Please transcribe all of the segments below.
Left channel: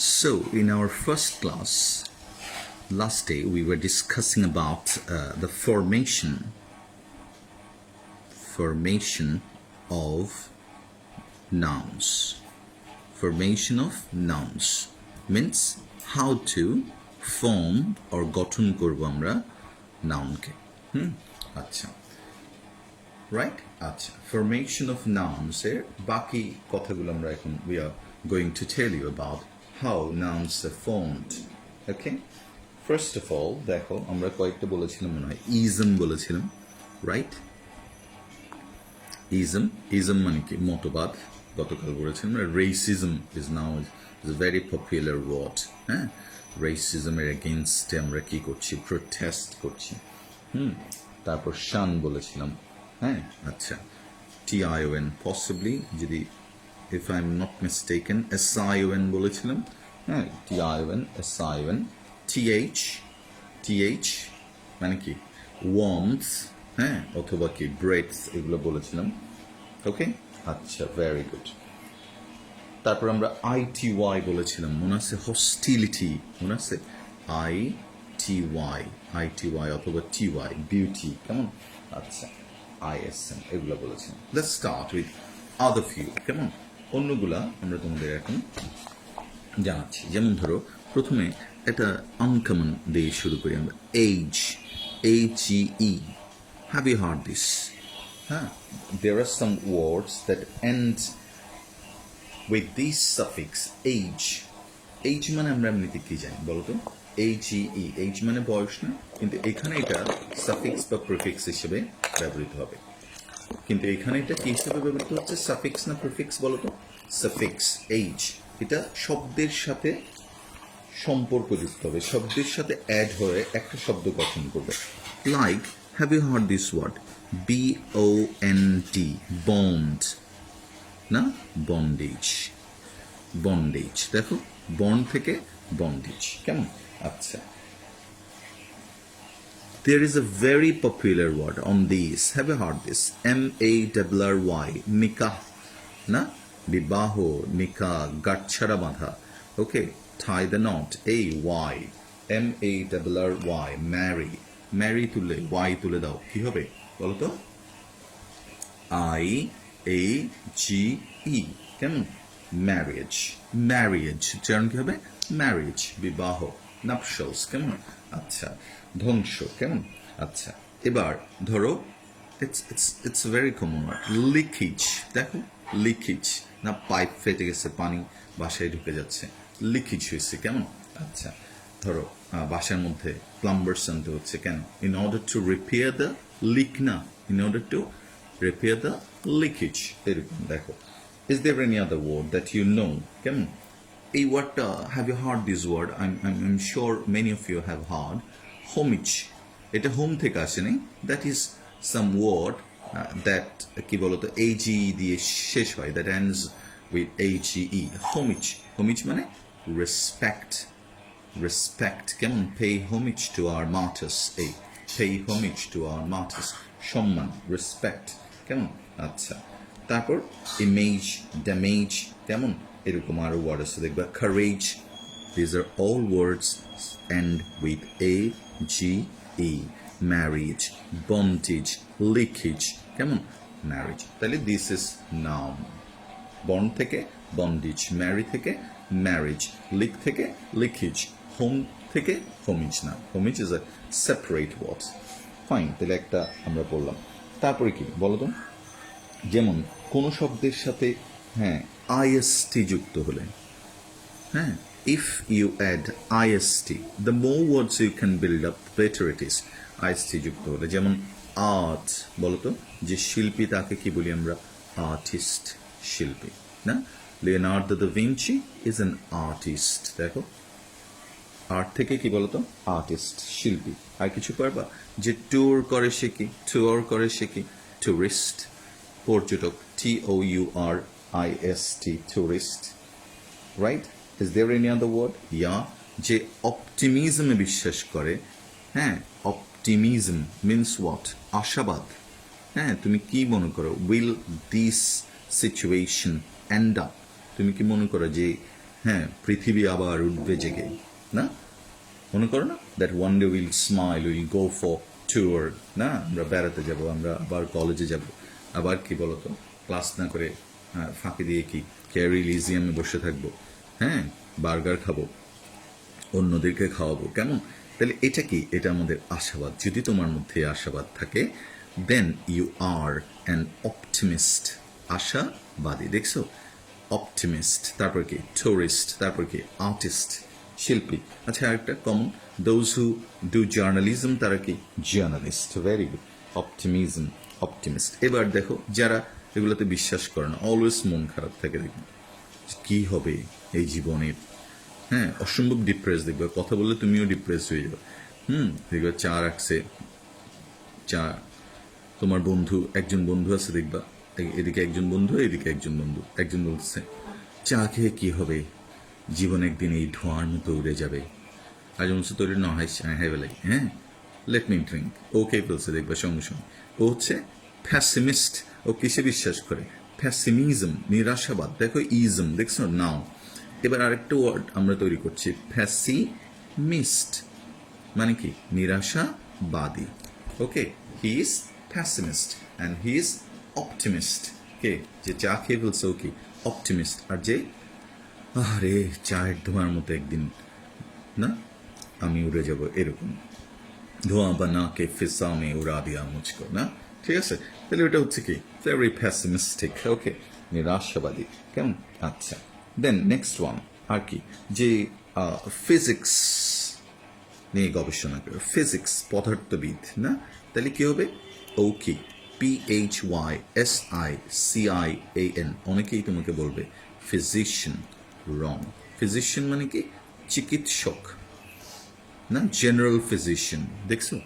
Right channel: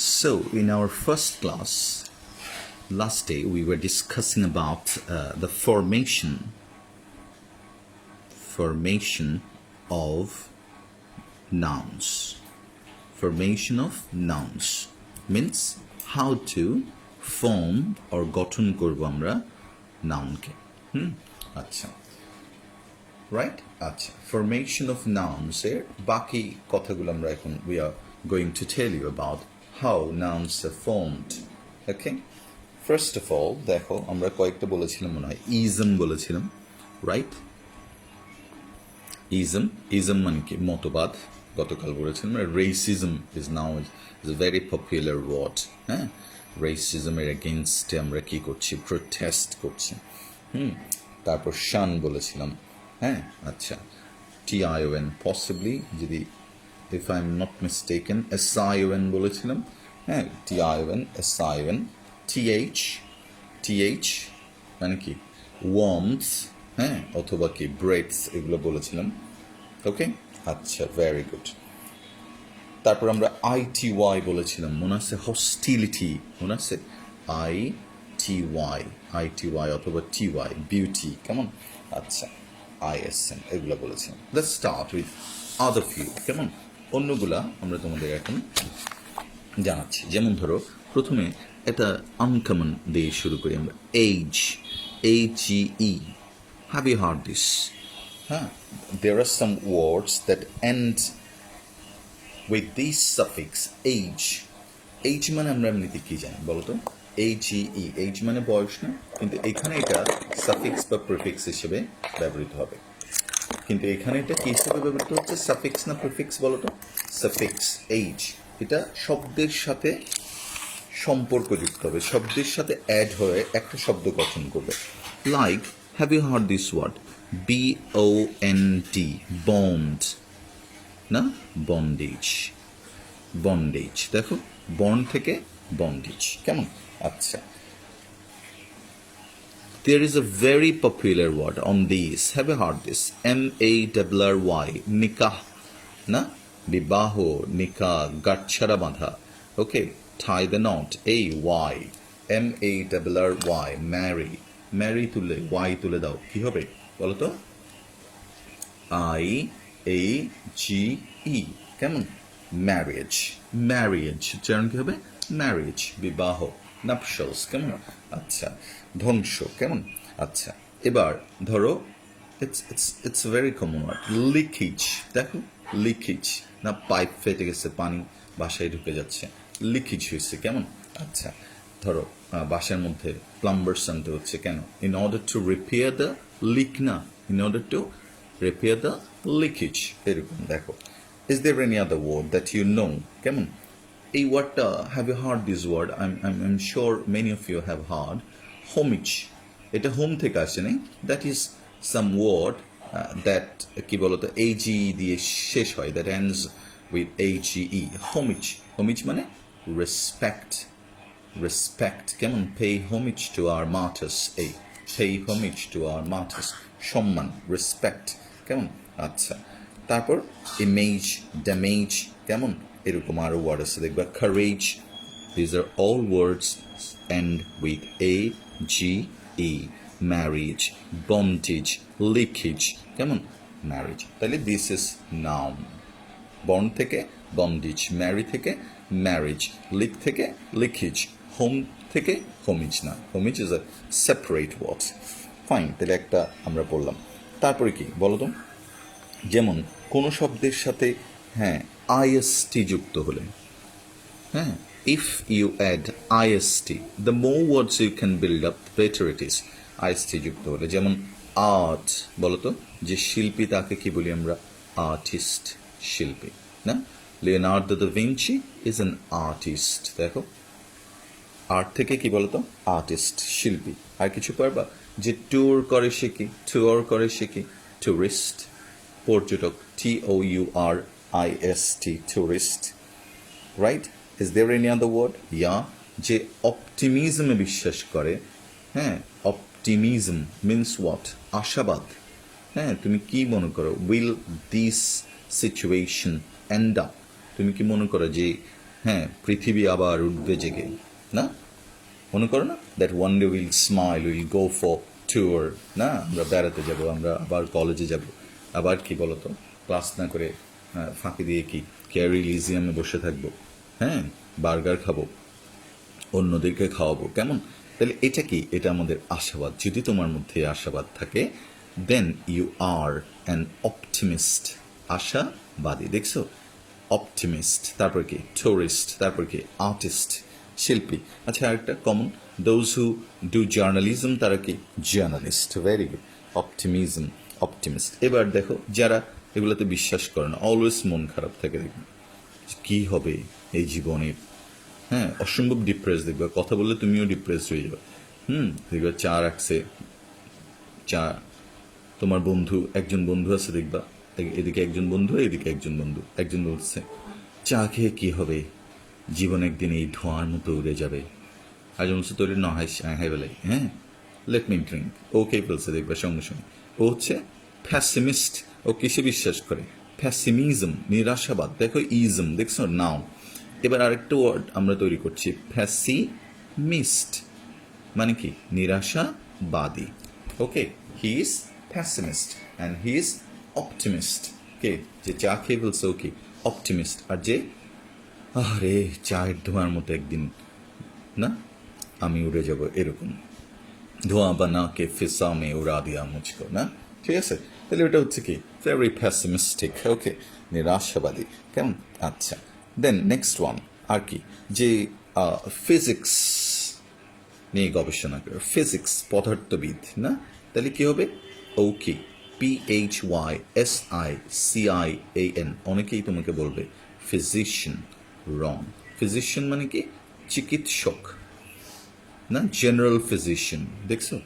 So, in our first class, last day we were discussing about the formation of nouns. Formation of nouns means how to form or গঠন করব আমরা nounকে আচ্ছা right আচ্ছা formation of nouns এর বাকি কথাগুলো আমরা এখন we are going to tell you about how nouns are formed. Okay, first of all দেখো আমরা কয়েকটা বলেছিলাম মনে হয় ism বলেছিলাম, রাইট? ism মানে কি মতবাদ, গতকাল বলেছিলাম। racism is now a very popular word, হ্যাঁ? racism এর এগেইনস্টে আমরা কি করছি, প্রোটেস্ট করছি। তারপর শান বলেছিলাম, হ্যাঁ? আচ্ছা, tion possibly, যদি if I'm not mistaken sion বলেছিলাম, হ্যাঁ? tion th মানে কি warmth, হ্যাঁ, অথবা কি ব্রেকস, এগুলো বলেছিলাম। ওকে, আচ্ছা, ভেরি গুড। তারপর আমরা ity বলেছিলাম, মনে আছে? হস্টিলিটি, মনে আছে? ity অথবা ty, বিউটি, কেমন? আচ্ছা, ism, এগুলো বলেছিলাম। Let's start with other few, কেমন? অন্যগুলা আমরা তোমাদের এখন জানাচ্ছি। যেমন ধরো প্রথমে একটা আনকমন দিয়ে শুরু করি আমরা, age, HE. Have you heard this? There are some words that end with this suffix age. age মানে আমরা এমনিতে কি জানি বলো তো? HE, age মানে বয়স না, কিন্তু এখানে এটা সাফিক্স বা প্রিফিক্স হিসেবে ব্যবহৃত হবে। কিন্তু এখানে এটা কি হিসেবে ব্যবহৃত হচ্ছে, সাফিক্স না প্রিফিক্স বলো তো? Suffix, age. এটা শব্দের সাথে সম্পর্কযুক্ত হবে, শব্দের সাথে অ্যাড হয়ে একটা শব্দ গঠন করবে। Like, have you heard this word? BOND, bond না, বন্ডেজ। বন্ডেজ, দেখো, বন্ড থেকে বন্ডেজ, কেমন? আচ্ছা, there is a very popular word on this. Have you heard this? NARRY, nikah, না, বিবাহ, নিকাহ, গাঁটছড়া বাঁধা। ওকে, tie the knot, AY, MARRY, marry, marry তুলে y তুলে দাও, কি হবে বলো তো? IAGE, কেমন? ম্যারেজ, ম্যারেজ, উচ্চারণ কি হবে? ম্যারেজ, বিবাহ, নাপশালস, কেমন? আচ্ছা, ধ্বংস, কেমন? আচ্ছা, এবার ধরো it's very common word, leakage. দেখো, লিকেজ না, পাইপ ফেটে গেছে, পানি বাসায় ঢুকে যাচ্ছে, লিকেজ হয়েছে, কেমন? আচ্ছা, ধরো বাসার মধ্যে প্লাম্বার্স আনতে হচ্ছে, কেন? In order to repair the leak, না, in order to repair the leakage, এরকম। দেখো, is there any other word that you know, কেমন? এই ওয়ার্ডটা, have you heard this word? I'm sure many of you have heard homage. এটা home থেকে আসে নাই, that is some word that কি বলতো AGE দিয়ে শেষ হয়, that ends with AGE, homage। homage মানে respect, respect, কেমন? pay homage to our martyrs, এই pay homage to our martyrs, সম্মান, রেসপেক্ট, কেমন? আচ্ছা, তারপর ইমেজ, ড্যামেজ, কেমন? এরকম আরো ওয়ার্ড আছে দেখবা, courage. These are all words end with AGE, marriage, bondage, leakage, কেমন? ম্যারেজ। তাহলে দিস ইজ নাউন। বন্ড থেকে বন্ডেজ, ম্যারি থেকে ম্যারেজ, লিক থেকে লিকেজ, হোম থেকে হোমেজ, না, homage is a separate words. Fine, তাহলে একটা আমরা বললাম। তারপরে কি বলো তো? যেমন কোন শব্দের সাথে, হ্যাঁ, IST যুক্ত হলে, হ্যাঁ, if you add IST, the more words you can build up, better it is. IST যুক্ত হলে, যেমন আর্ট, বলো তো, যে শিল্পী তাকে কি বলি আমরা? আর্টিস্ট, শিল্পী, না? Leonardo da Vinci is an artist. দেখো, আর্ট থেকে কি বলতো? আর্টিস্ট, শিল্পী। আর কিছু পারবা? যে ট্যুর করে সে কি? ট্যুর করে সে কি? টুরিস্ট, পর্যটক, TOURIST, tourist, right? Is there any other word? Yeah, যে অপটিমিজমে বিশ্বাস করে, হ্যাঁ, অপটিমিজম মিনস হোয়াট? আশাবাদ, হ্যাঁ। তুমি কি মনে করো? Will this situation end up, তুমি কি মনে করো যে হ্যাঁ, পৃথিবী আবার উঠবে জেগে, না? মনে করো না, that one day will smile, will go for tour, না? আমরা বেড়াতে যাব, আমরা আবার কলেজে যাব, আবার কি বলতো, ক্লাস না করে ফাঁকি দিয়ে কি ক্যারি লিজিয়ামে বসে থাকবো, হ্যাঁ, বার্গার খাবো, অন্যদেরকে খাওয়াবো, কেমন? তাহলে এটা কি? এটা আমাদের আশাবাদ। যদি তোমার মধ্যে আশাবাদ থাকে, then you are an optimist, আশাবাদী। দেখছো, অপটিমিস্ট, তারপর কি টুরিস্ট, তারপর কি আর্টিস্ট, শিল্পী। আচ্ছা, আরেকটা common, those who do journalism, তারা কি journalist. Very good, optimism, optimist. এবার দেখো, যারা এগুলোতে বিশ্বাস করে না, অলওয়েজ মন খারাপ থাকে, দেখবে কি হবে এই জীবনের, হ্যাঁ, অসম্ভব ডিপ্রেস। দেখবে কথা বললে তুমিও ডিপ্রেস হয়ে যাবে। দেখবে চা রাখছে, চা, তোমার বন্ধু, একজন বন্ধু আছে দেখবা, এদিকে একজন বন্ধু, এদিকে একজন বন্ধু, একজন বলছে চা খেয়ে কি হবে, জীবন একদিন এই ধোঁয়ার মতো উড়ে যাবে, আর বলছে তোর ন হাই বেলাই, হ্যাঁ, লেট মি ড্রিঙ্ক, ওকে বলছে দেখবা সঙ্গে সঙ্গে। ও হচ্ছে ফ্যাসিমিস্ট। ও কিসে বিশ্বাস করে? ফ্যাসিমিজম, নিরাশাবাদ। দেখো ইজম, দেখছো নাও। এবার আরেকটা ওয়ার্ড আমরা তৈরি করছি, ফ্যাসিমিস্ট, মানে কি নিরাশাবাদী। Okay, he is pessimist and he is optimist. কে? যে চা খেয়ে বলছে ও কি অপটিমিস্ট, আর যে আরে চায়ের ধোঁয়ার মতো একদিন না আমি উড়ে যাব, এরকম ধোঁয়া বানা কে ফিসা মে উড়া দিয়া মুঝকো, না? ঠিক আছে, তাহলে ওটা হচ্ছে কি ভেরি প্যাসিমিস্টিক। ওকে, নিরাশাবাদী, কেমন? আচ্ছা, দেন নেক্সট ওয়ান আর কি, যে ফিজিক্স নিয়ে গবেষণা করে, ফিজিক্স, পদার্থবিদ, না? তাহলে কি হবে? ওকে, PHYSICIAN। অনেকেই তোমাকে বলবে ফিজিশিয়ান, রং। ফিজিশিয়ান মানে কি? চিকিৎসক, না? জেনারেল ফিজিশিয়ান, দেখছো?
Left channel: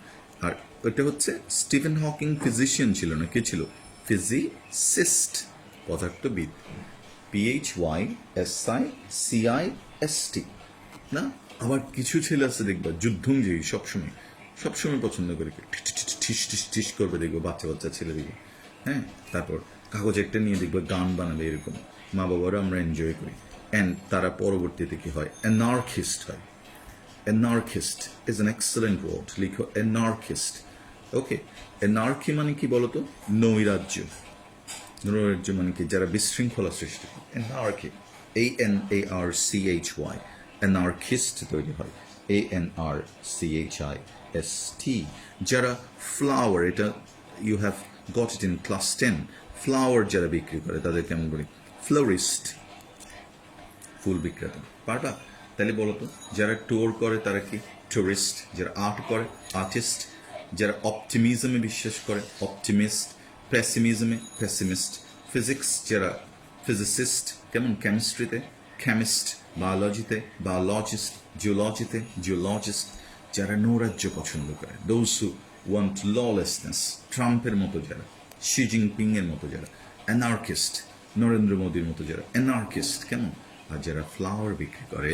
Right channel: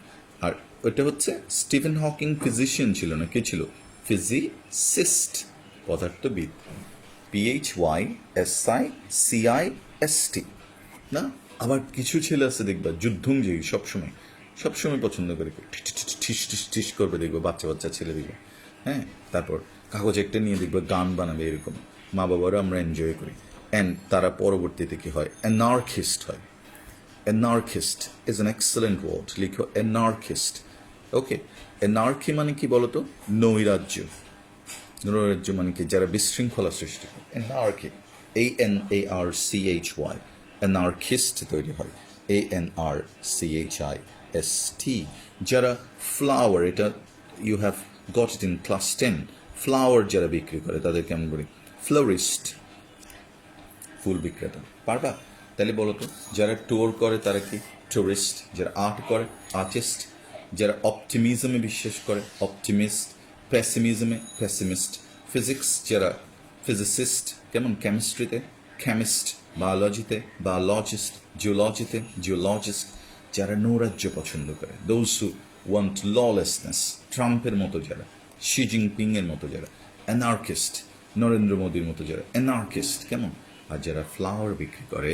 আর ওটা হচ্ছে স্টিফেন হকিং ফিজিশিয়ান ছিল না, কে ছিল? ফিজিসিস্ট, পদার্থবিদ। PHYSICIST, না? আবার কিছু ছেলে আছে দেখবা যুদ্ধংজয়ী, সবসময় সবসময় পছন্দ করে ঠিস ঠিস ঠিস করবে, দেখবো বাচ্চা বাচ্চা ছেলে দেখবো, হ্যাঁ। তারপর কাগজ একটা নিয়ে দেখবো গান বানাবে, এরকম মা বাবারা আমরা এনজয় করি। অ্যান্ড তারা পরবর্তীতে কি হয়? অ্যানার্কিস্ট হয়। Anarchist is an excellent word, লিখো অ্যানার্কিস্ট। ওকে, অ্যানার্কি মানে কি বলতো? নৈরাজ্য। নৈরাজ্য মানে কি? যারা বিশৃঙ্খলা সৃষ্টি করে, অ্যানার্কি, ANARCHY, অ্যানার্কিস্ট তৈরি হয় ANRCHIST। যারা ফ্লাওয়ার, এটা you have got it in class 10, flower যারা বিক্রি করে তাদেরকে আমি বলি ফ্লোরিস্ট, ফুল বিক্রেতা। পারবা? তাহলে বলো তো, যারা ট্যুর করে তারা কি টুরিস্ট, যারা আর্ট করে আর্টিস্ট, যারা অপটিমিজমে বিশ্বাস করে অপটিমিস্ট, প্যাসিমিজমে প্যাসিমিস্ট, ফিজিক্স যারা ফিজিসিস্ট, কেমন? কেমিস্ট্রিতে কেমিস্ট, বায়োলজিতে বায়োলজিস্ট, জিওলজিতে জিওলজিস্ট। যারা নৈরাজ্য পছন্দ করে, দোজ হু ওয়ান্ট ললেসনেস, ট্রাম্পের মতো যারা, শি জিনপিং এর মতো যারা, অ্যানার্কিস্ট, নরেন্দ্র মোদীর মতো যারা অ্যানার্কিস্ট, কেমন? আর যারা ফ্লাওয়ার বিক্রি করে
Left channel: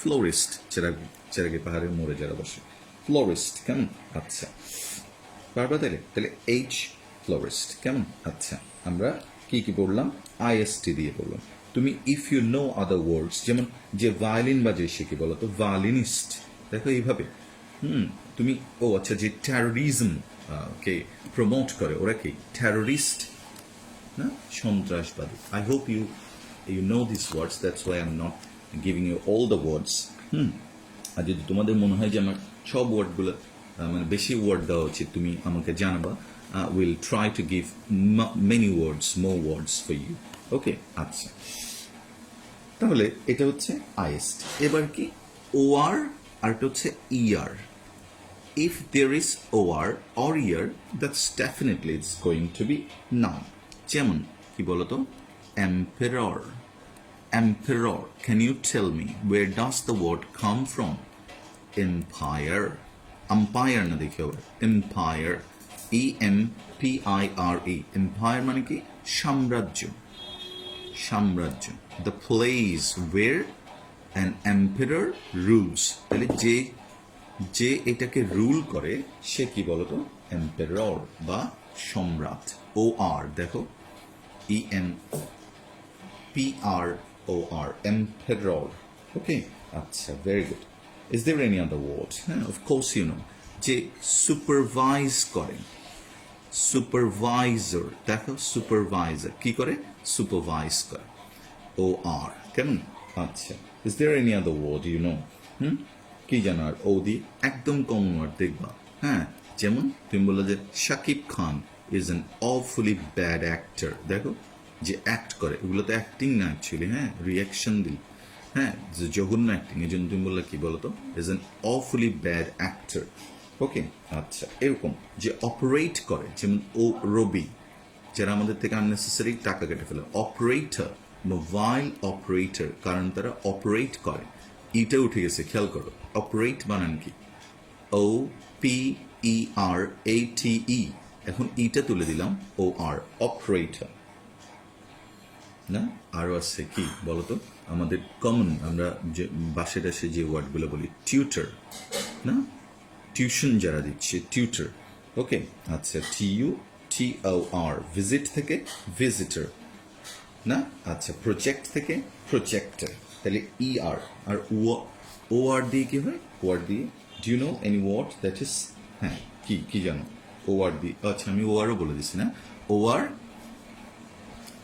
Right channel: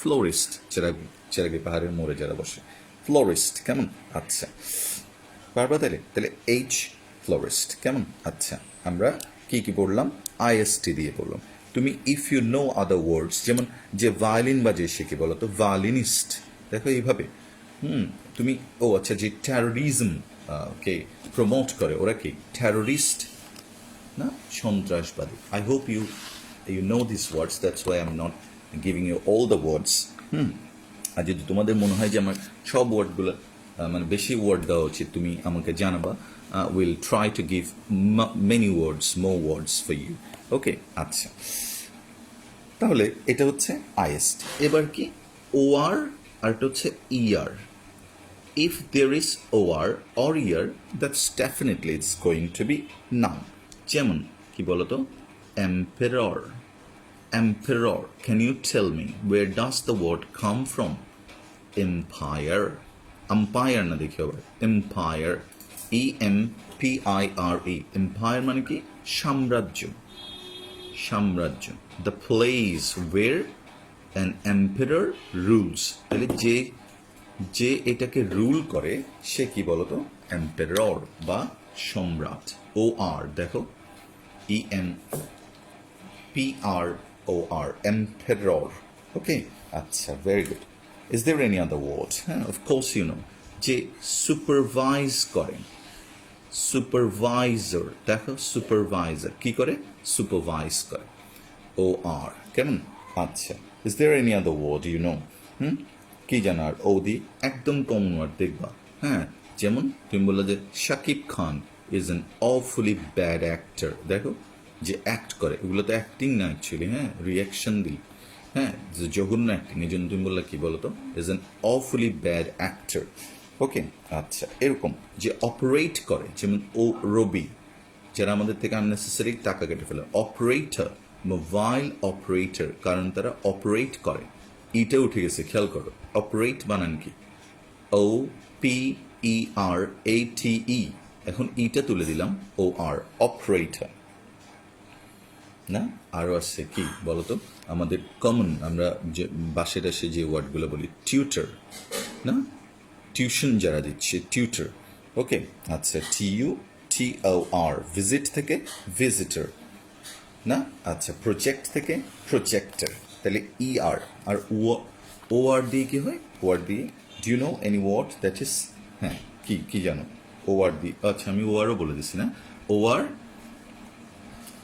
ফ্লোরিস্ট, যারা চেরাগি পাহাড়ের মোড়ে যারা বসে, ফ্লোরিস্ট, কেমন? আচ্ছা, পারবা তাহলে? তাহলে এইচ, ফ্লোরিস্ট, কেমন? আচ্ছা, আমরা কি কি পড়লাম? IST দিয়ে পড়লাম। তুমি ইফ ইউ নো আদার ওয়ার্ডস, যেমন যে ভায়োলিন বাজে সে কি বলতো? ভায়োলিনিস্ট। দেখো এইভাবে, তুমি, ও আচ্ছা, যে টেরোরিজম কে প্রমোট করে ওরা কি টেরোরিস্ট, না? সন্ত্রাসবাদী। I hope you know these words, that's why I'm not giving you all the words. আর যদি তোমাদের মনে হয় যে আমার সব ওয়ার্ডগুলো মানে বেশি ওয়ার্ড দেওয়া উচিত, তুমি আমাকে জানাবা, will try to give many words, more words for you. Okay, আচ্ছা, তাহলে এটা হচ্ছে IST। এবার কি OR, আর এটা হচ্ছে ER। If there is OR or ER, that's definitely it's going to be noun. যেমন কি বলতো? Emperor. Emperor. Can you tell me where does the word come from? Empire. Empire না দেখে আবার empire, EMPIRE। empire মানে কি? সাম্রাজ্য, সাম্রাজ্য। The place where an emperor rules। তাহলে যে এটাকে রুল করে সে কি বলতো? এম্পেরর বা সম্রাট। OR দেখো, EMPROR, EMPEROR, emperor. Okay, আচ্ছা, very good. Is there any other word? Of course you know. যে সুপারভাইজ করেন, সুপারভাইজার, দেখো সুপারভাইজার কি করে, সুপারভাইজ করে, ও আর, কেমন? আচ্ছা, is there any other word you know? কি জানার ও দি একদম কমন ওয়ার্ড দেখবা, হ্যাঁ, যেমন তুমি বললো যে Shakib Khan is an অফুলি bad actor, দেখো যে অ্যাক্ট করে, এগুলো তো অ্যাক্টিং না অ্যাকচুয়ালি, হ্যাঁ, রিয়াকশন দিই, হ্যাঁ, যে জঘন্য অ্যাক্টিং, এই জন্য তুমি বললা কি বলো তো, ইজ অ্যান অফুলি ব্যাড অ্যাক্টর। ওকে, আচ্ছা, এরকম যে অপারেট করে, যেমন ও রবি, যারা আমাদের থেকে আননেসেসারি টাকা কেটে ফেলে, অপারেটর, মোবাইল অপারেটর, কারণ তারা অপারেট করে, ইটা উঠে গেছে, খেয়াল করো, অপারেট বানান কি, ও পি ই আর এ টি ই, এখন ইটা তুলে দিলাম, ও আর, অপারেটর। না, আরও আছে কি বলতো, আমাদের কমন, আমরা যে বাসে টাসে যে ওয়ার্ডগুলো বলি, টিউটার, না, টিউশন যারা দিচ্ছে, টিউটার। ওকে, আচ্ছা, TUTOR, ভিজিট থেকে ভিজিটর, না, আচ্ছা, প্রজেক্ট থেকে প্রজেক্টর, তাহলে ER, আর OR দিয়ে কি হয়, OR দিয়ে, do you know any word that is, হ্যাঁ, কি কি জানো, OR দিয়ে, আচ্ছা, আমি ORও বলে দিচ্ছি, না, OR,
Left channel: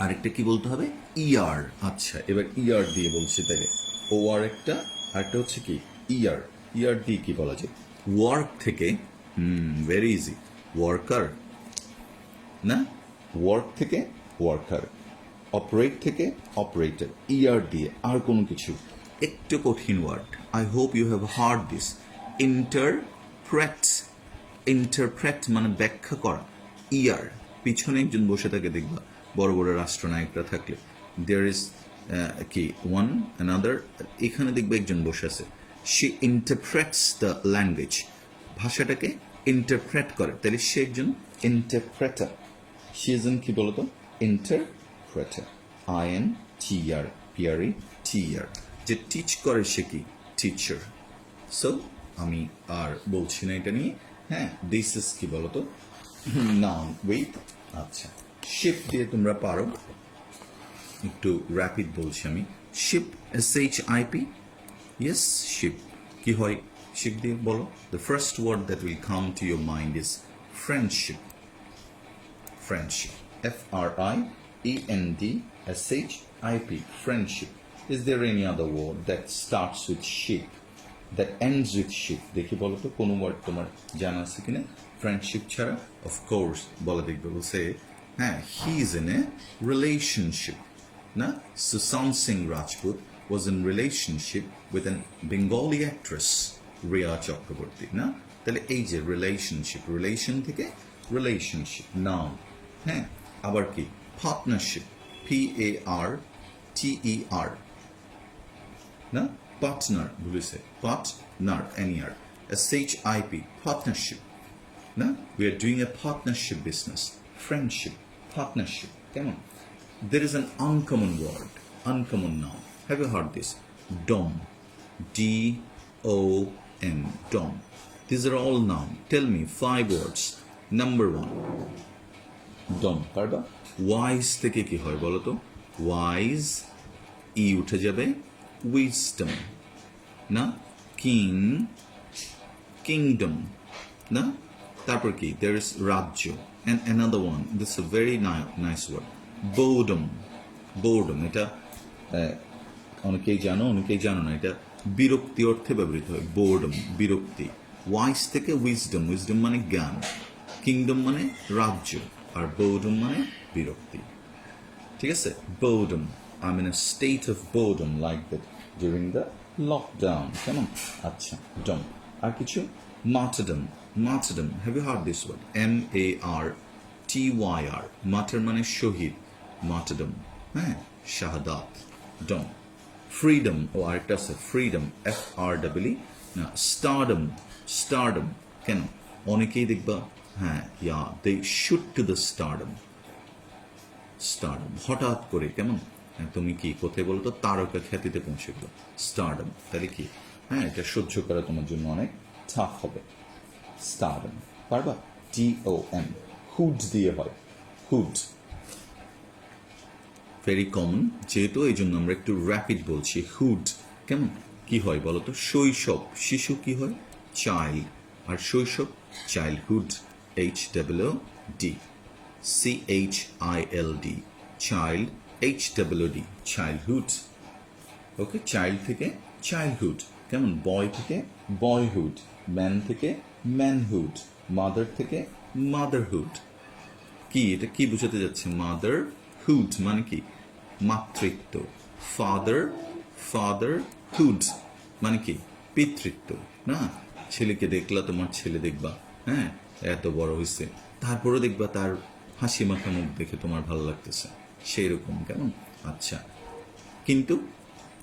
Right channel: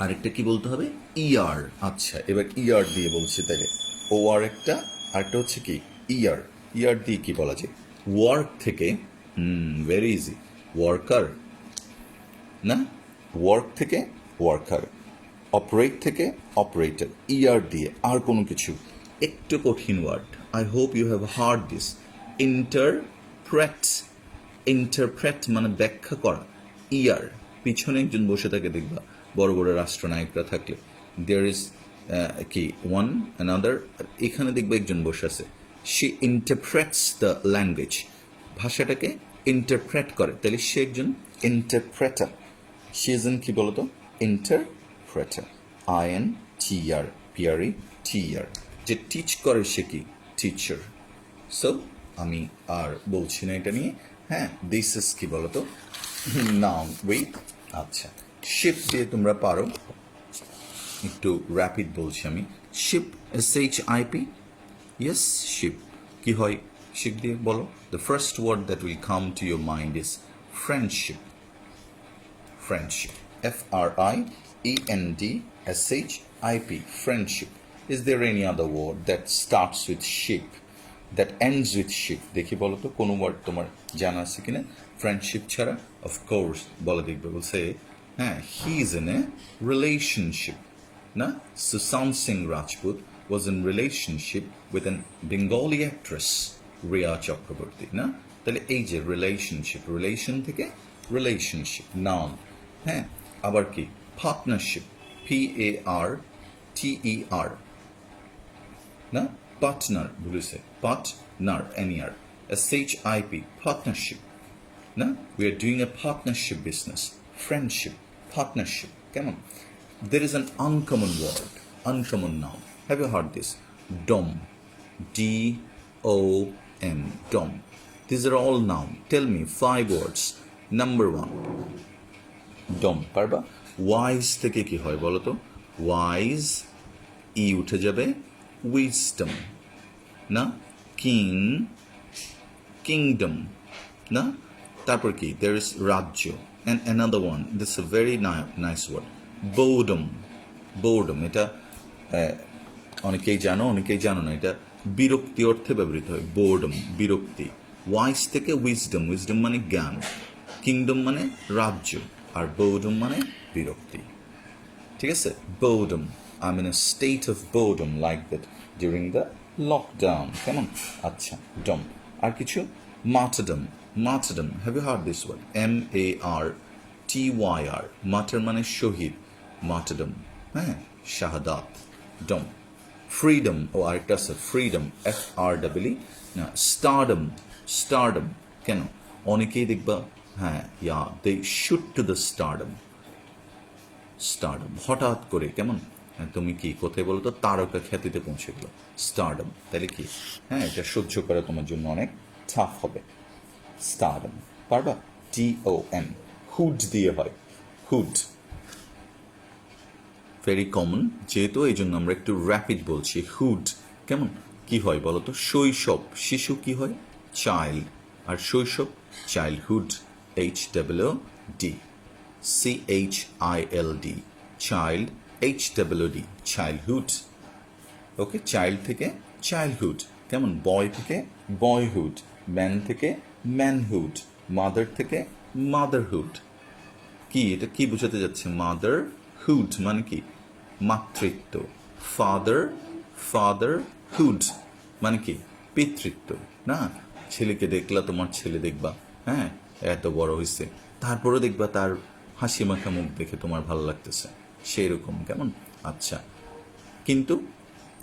আরেকটা কি বলতে হবে, ER, আচ্ছা, এবার ER দিয়ে বলছি, তাহলে OR একটা, আরেকটা হচ্ছে কি, ER দিয়ে কি বলা যায়, ওয়ার্ক থেকে, ভেরি ইজি, ওয়ার্কার, না, ওয়ার্ক থেকে ওয়ার্কার, অপারেট থেকে অপারেটর, ER দিয়ে, আর কোনো কিছু, একটু কঠিন word, I hope you have heard this, interpret, interpret মানে ব্যাখ্যা করা, ER, পিছনে একজন বসে থাকে দেখবা, বড় বড় রাষ্ট্রনায়করা থাকলে, দেয়ার ইজ কি ওয়ান অ্যানাদার, এখানে দেখবে একজন বসে আছে, সে ইন্টারপ্রেটস দ্য ল্যাঙ্গুয়েজ, ভাষাটাকে ইন্টারপ্রেট করে, তাহলে সে একজন ইন্টারপ্রেটার, সে একজন কি বলতো, ইন্টারপ্রেটার, INTER, যে টিচ করে সে কি, টিচার। সো আমি আর বলছি না এটা নিয়ে, হ্যাঁ, দিস ইজ কি বলতো, নাউন, ওয়েট, আচ্ছা, শিপ দিয়ে তোমরা পারো, একটু র্যাপিড বলছি আমি, শিপ, SHIP, ইয়েস, শিপ, কি হয় শিপ দিয়ে বলো, the first word that will come to your mind is friendship, friendship, FRIENDSHIP, friendship. Is there any other word that starts with ship, that ends with ship? দেখি বলো তো কোন word তোমার জানা আছে কিনা ফ্রেন্ডশিপ ছাড়া? অফ কোর্স বলে দেখবে, বলছে হ্যাঁ, he is in a relationship, না, Sushant Singh Rajput was in relationship with an Bengali actress, Riya Chakraborty, না, তাহলে এই যে রিলেশনশিপ, রিলেশন থেকে রিলেশনশিপ, নাউন, হ্যাঁ, আবার কি পার্টনারশিপ, PARTER, না, পার্টনার, বলেছে পার্টনার, NER, SHIP, পার্টনারশিপ, না, we are doing a partnership business, friendship, partnership, কেমন? There is an uncommon word, uncommon noun. Have you heard this? DOM, DOM, DOM. These are all noun. Tell me 5 words. Number 1, DOM, পারবা? Wise থেকে কি হয় বলো তো? Wise, ই উঠে যাবে, wisdom, না, কিং, kingdom, না, তারপর কি, there is রাজ্য, and another one, this is a very nice word, boredom, boredom, এটা অনেকেই জানো, অনেকেই জানো না, এটা বিরক্তি অর্থে ব্যবহৃত হয়, বোর্ডম, বিরক্তি। ওয়াইস থেকে উইজডম, উইজডম মানে জ্ঞান, কিংডম মানে রাজ্য, আর বোর্ডম মানে বিরক্তি, ঠিক আছে? Boredom, I am in a state of boredom like that during the lockdown, কেমন? আচ্ছা, ডম, আর কিছু, martyrdom, martyrdom, have you heard this word? MARTYR, martyr মানে শহীদ, মার্টারডম, হ্যাঁ, শাহাদাত, ডম। ফ্রিডম, ও আরেকটা আছে ফ্রিডম, FRWE, না, স্টারডম, স্টারডম, কেন? অনেকেই দেখবা, হ্যাঁ, yeah, they shoot to the stardom, stardom, হঠাৎ করে, কেমন? তুমি কি কোথায় বলো তো, তারকা খ্যাতিতে পৌঁছে গেল, স্টারডম, তাহলে কি, হ্যাঁ, এটা সহ্য করা তোমার জন্য অনেক টাফ হবে, স্টারডম, পারবা? TOM, হুড দিয়ে হয়, হুড, ভেরি কমন, যেহেতু এই জন্য আমরা একটু র্যাপিড বলছি। হুড কেমন, কি হয় বলো তো? শৈশব, শিশু কি হয়? চাইল্ড। আর শৈশব childhood, HOOD, CHILD, child, HOOD, childhood. Okay, child থেকে চাইল্ডহুড, কেমন? বয় থেকে বয়হুড, ম্যান থেকে ম্যানহুড, মাদার থেকে মাদারহুড। কি এটা কি বোঝাতে যাচ্ছে? মাদার হুড মানে কি? মাতৃত্ব। ফাদার, ফাদারহুড মানে কি? পিতৃত্ব। না, ছেলেকে দেখলা, তোমার ছেলে দেখবা, হ্যাঁ, এত বড় হয়েছে, তারপরেও দেখবা তার হাসি মাখা মুখ দেখে তোমার ভালো লাগতেছে, সেই রকম, কেমন? আচ্ছা, কিন্তু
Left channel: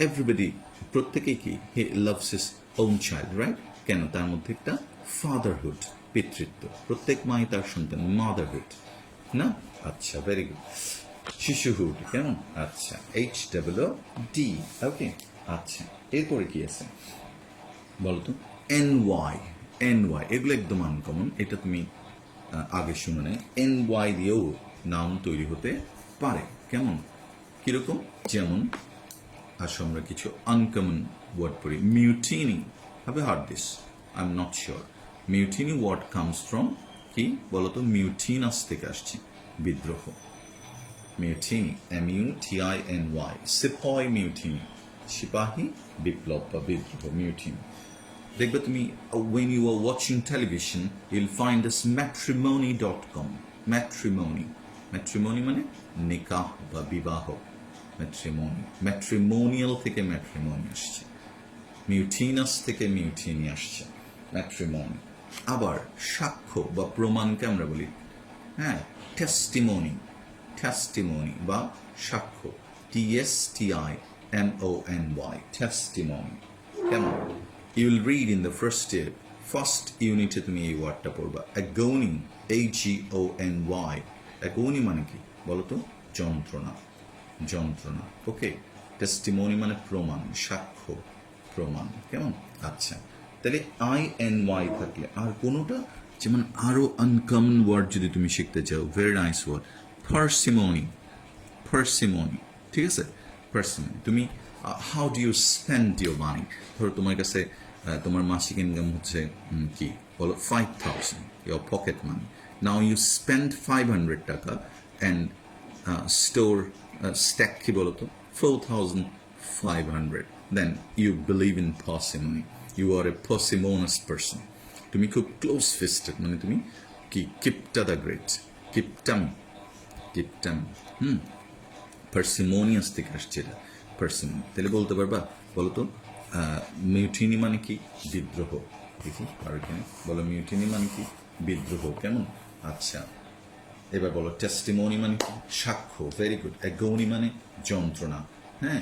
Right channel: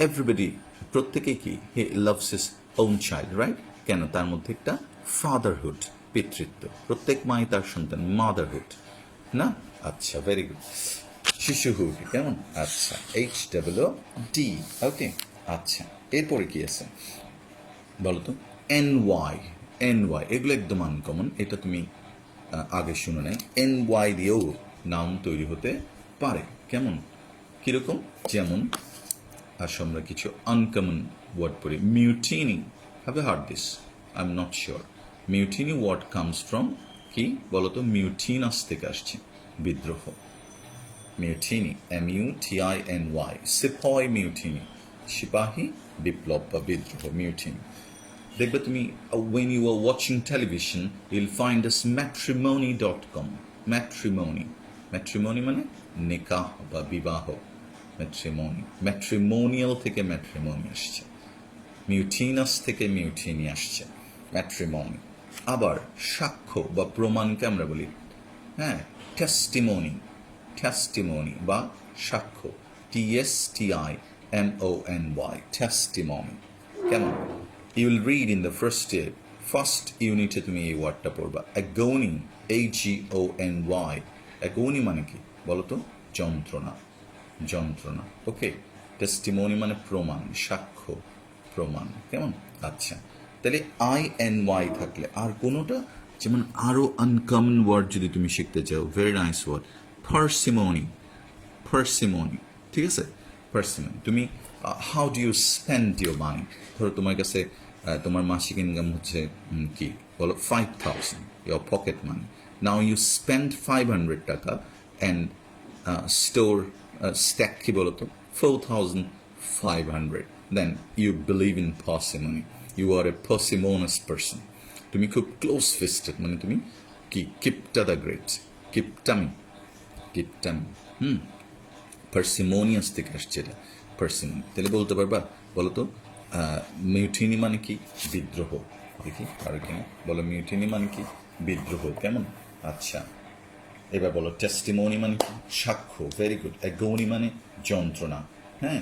এভরিবডি, প্রত্যেকেই কি, he loves his own child, right? কেন? তার মধ্যে একটা ফাদারহুড, পিতৃত্ব। প্রত্যেক মাই তার সন্তান, মাদারহুড, না? আচ্ছা, ভেরি গুড। শিশুহুড, কেমন? আচ্ছা, HOOD, ওকে। আচ্ছা, এরপরে কি আছে বলতো? NY, এগুলো একদম আনকমন, এটা তুমি আগে শুনে নেই। NY দিয়েও নাউন তৈরি হতে পারে, কেমন? কিরকম? যেমন আসো আমরা কিছু আনকমন ওয়ার্ড পড়ি। Mutiny, have you heard this? I am not sure. Mutiny word comes from কি বলতো? মিউটিনাস থেকে আসছে, বিদ্রোহ। মিউটিনি, MUTINY, সিপাহী মিউটিনি, সিপাহী বিপ্লব বা বিদ্রোহ, মিউটিনি। দেখবে তুমি, when you are watching television, you'll find this matrimony.com, matrimony মানে নিকাহ বা বিবাহ, ম্যাট্রিমনি, ম্যাট্রিমোনিয়াল থেকে ম্যাট্রিমনি আসছে, মিউটিনাস থেকে মিউটিনি আসছে, ম্যাট্রিমনি। আবার সাক্ষ্য বা প্রমাণকে আমরা বলি, হ্যাঁ, টেস্টিমনি বা সাক্ষ্য, TSTIMONY, টেস্টিমনি, কেমন? You will read in the first unit তুমি এই ওয়ার্ডটা পড়বা, অ্যাগোনি, AGONY। অ্যাগোনি মানে কি বলো তো? যন্ত্রণা, যন্ত্রণা। ওকে, টেস্টিমনি মানে প্রমাণ, সাক্ষ্য, প্রমাণ, কেমন? আচ্ছা, তাহলে INY থাকলে আর কোনোটা, যেমন আরো আনকমন ওয়ার্ড যদি তুমি শিখতে চাও, ভেরি নাইস ওয়ার্ড, পার্সিমনি, ঠিক আছে? পার্সিমনি, তুমি how do you spend your money? ধরো তোমার কাছে তোমার মাসিক ইনকাম হচ্ছে কি বলো? 5,000, your pocket money. Now you spend 500 টাকা অ্যান্ড স্টোর স্ট্যাক কি বলো তো? 4,500। Then you believe in parsimony, you are a parsimonious person. তুমি খুব ক্লোজ ফিস্টেড, মানে তুমি কি কিপটা দ্য গ্রেট, কিপটামি, পার্সিমোনিয়াস থেকে আসছে এটা, পার্সিমনি। তাহলে বলতে পারবা বলতো? মিউটিনি মানে কি? বিদ্রোহ। দেখি আর কিনা বলো, মিউটিনি মানে কি? বিদ্রোহ, কেমন? আচ্ছা, এবার বলো টেস্টিমনি মানে কি? সাক্ষ্য, ভেরি গুড। অ্যাগোনি মানে যন্ত্রণা, হ্যাঁ।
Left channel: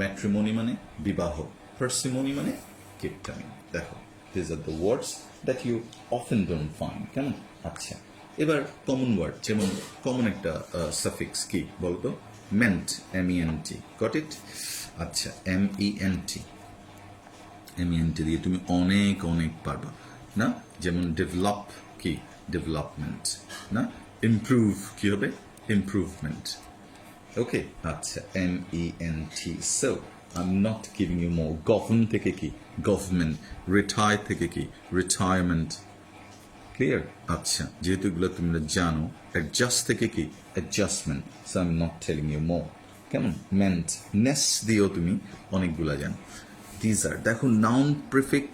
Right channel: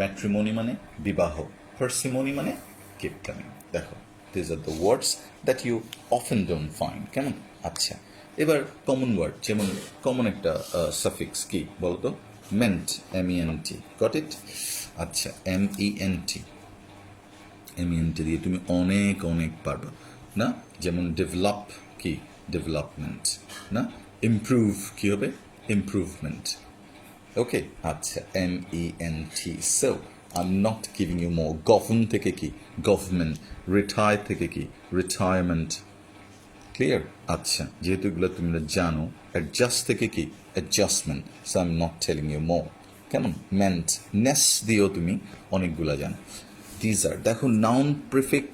ম্যাট্রিমনি মানে বিবাহ, পার্সিমনি মানে কিপটামি। দেখো, this are the words that you often don't find, কেমন? আচ্ছা, এবার কমন ওয়ার্ড, যেমন কমন একটা সাফিক্স কি বলতো? Ment, MENT, got it? আচ্ছা, MENT দিয়ে তুমি অনেক অনেক পারবা, না? যেমন ডেভেলপ কি? ডেভেলপমেন্ট, না? ইমপ্রুভ কি হবে? ইমপ্রুভমেন্ট। ওকে, আচ্ছা, MENT। So I am not giving you more. Govern থেকে কি? গভর্নমেন্ট। রিটায়ার থেকে কি? রিটায়ারমেন্ট। ক্লিয়ার? আচ্ছা, যেহেতু এগুলো তোমরা জানো। অ্যাডজাস্ট থেকে কি? Adjustment. So I am not telling you more, কেমন? মেন্ট, নেস দিয়েও তুমি অনেকগুলা জানো। দিজ আর, দেখো, নাউন প্রিফিক্স,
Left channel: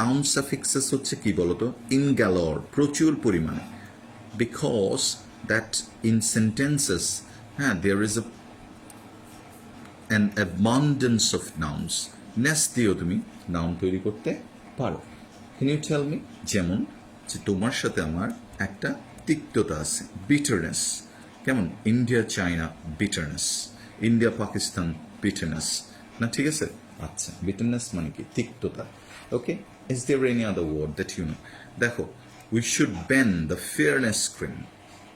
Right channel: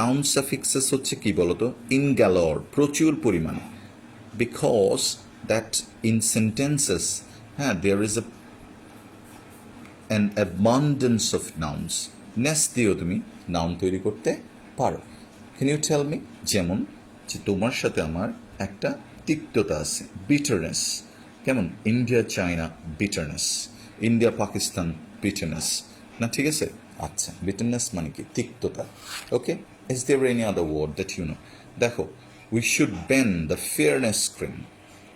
নাউন সাফিক্সেস হচ্ছে কি বলতো? ইন গ্যালর, প্রচুর পরিমাণে। বিকজ দ্যাট ইন সেন্টেন্সেস, হ্যাঁ, there is an abundance of nouns, ness দিয়েও তুমি নাউন তৈরি করতে পারো। Can you tell me? যেমন যে তোমার সাথে আমার একটা তিক্ততা আছে, বিটারনেস, কেমন? India China bitterness, India Pakistan bitterness, না? ঠিক আছে? আচ্ছা, বিটারনেস মানে কি? তিক্ততা। Okay, is there any other word that you know? দেখো, we should ban the fairness cream,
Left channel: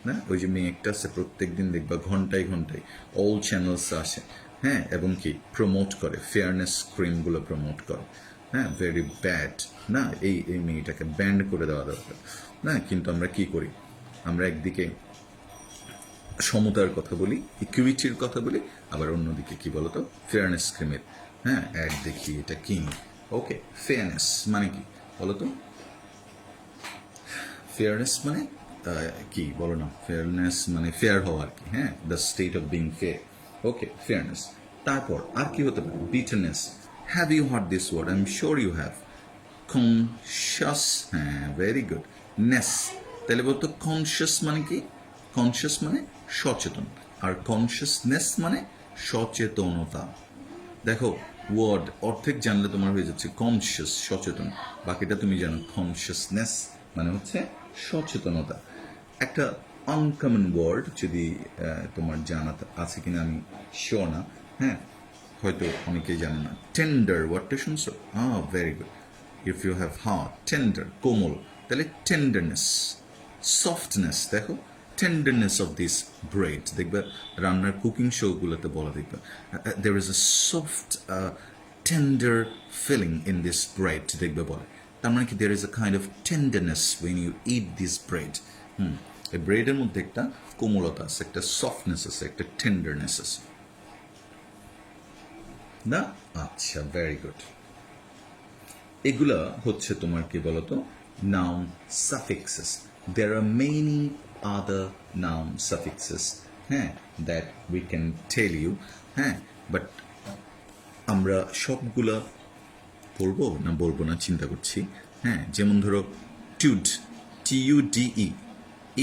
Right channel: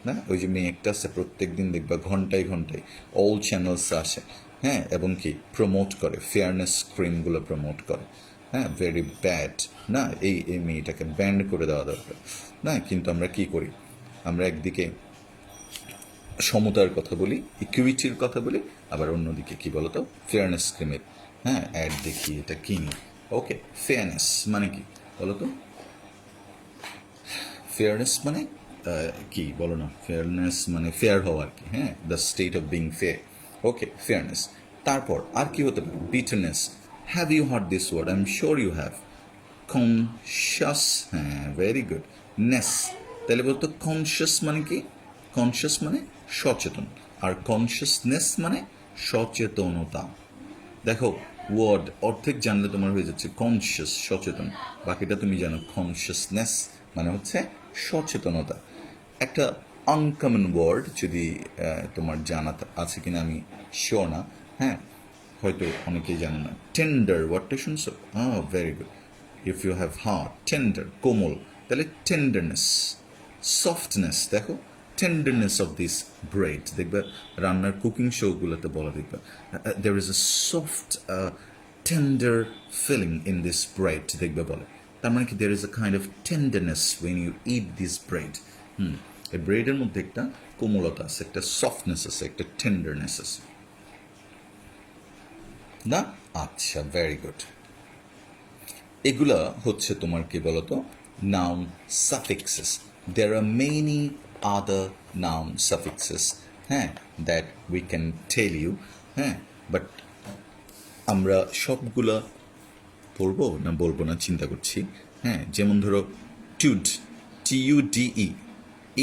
না? ওই যে মেয়েটা আছে, প্রত্যেক দিন দেখবা ঘন্টায় ঘন্টায় অল চ্যানেলস আসে, হ্যাঁ, এবং কি প্রমোট করে, ফেয়ারনেস ক্রিমগুলো প্রমোট করে, হ্যাঁ। ভেরি ব্যাড, না? এই মেয়েটাকে ব্যান্ড করে দেওয়া দরকার, না? কিন্তু আমরা কি করি? আমরা একদিকে সমতার কথা বলি, ইকুইটির কথা বলি, আবার অন্যদিকে কি বলতো ফেয়ারনেস ক্রিমের হ্যাঁ অ্যাড দেখি, এটা কিনি। ওকে, ফেয়ারনেস মানে কি বলতো? ফেয়ারনেস মানে কি বলো না? ফেয়ারনেস মানে ফেয়ার হওয়া আর কি, হ্যাঁ, the state of being fair. Okay, fairness. তারপর আর কি হতে পারে? Bitterness. Have you heard this word? I am sure you have. Conscious, হ্যাঁ, ভেরি গুড। নেস, তাহলে বলতো কনশাস মানে কি? কনশাস মানে সচেতন, আর কনশাসনেস মানে সচেতনতা। দেখো, ওয়ার্ড অর্ধেক জানলে তোমার হয়ে যাচ্ছে কনশিয়াস, সচেতন, বাকিটা তুমি জানো কনশিয়াসনেস মানে হচ্ছে সচেতনতা। একটা আনকমন ওয়ার্ড যদি তোমার জানা আছে কিনা আমি শিওর না, হ্যাঁ, হয়তো অনেকেই জানো না। টেন্ডার ওয়ার্ডটা শুনছো? Very good. If you have heart, tender কোমল, তাহলে টেন্ডারনেস। সফটনেস, দেখো টেন্ডারনেস অফ দিস ব্রেড, দেখবে রান্নার কুকিং শোগুলোতে বলা দেখবে there is a soft tender feeling in this bread, দেখবে বলে। তার মানে কি there is a kind of tenderness when you eat this bread. এই ব্রেডের মধ্যে একটা কোমলতা আছে, একটা সফটনেস আছে, একটা টেন্ডারনেস আছে না? আচ্ছা, ভেরি গুড। এগুলা হচ্ছে তোমার কি বলতো noun suffixes. There are many other noun suffixes, হ্যাঁ, that we can tell you, হ্যাঁ, বাট আমরা সবগুলা পড়বো না বলবো না চিন্তা করছি। হ্যাঁ, যেমন ধরো tude, TUDE,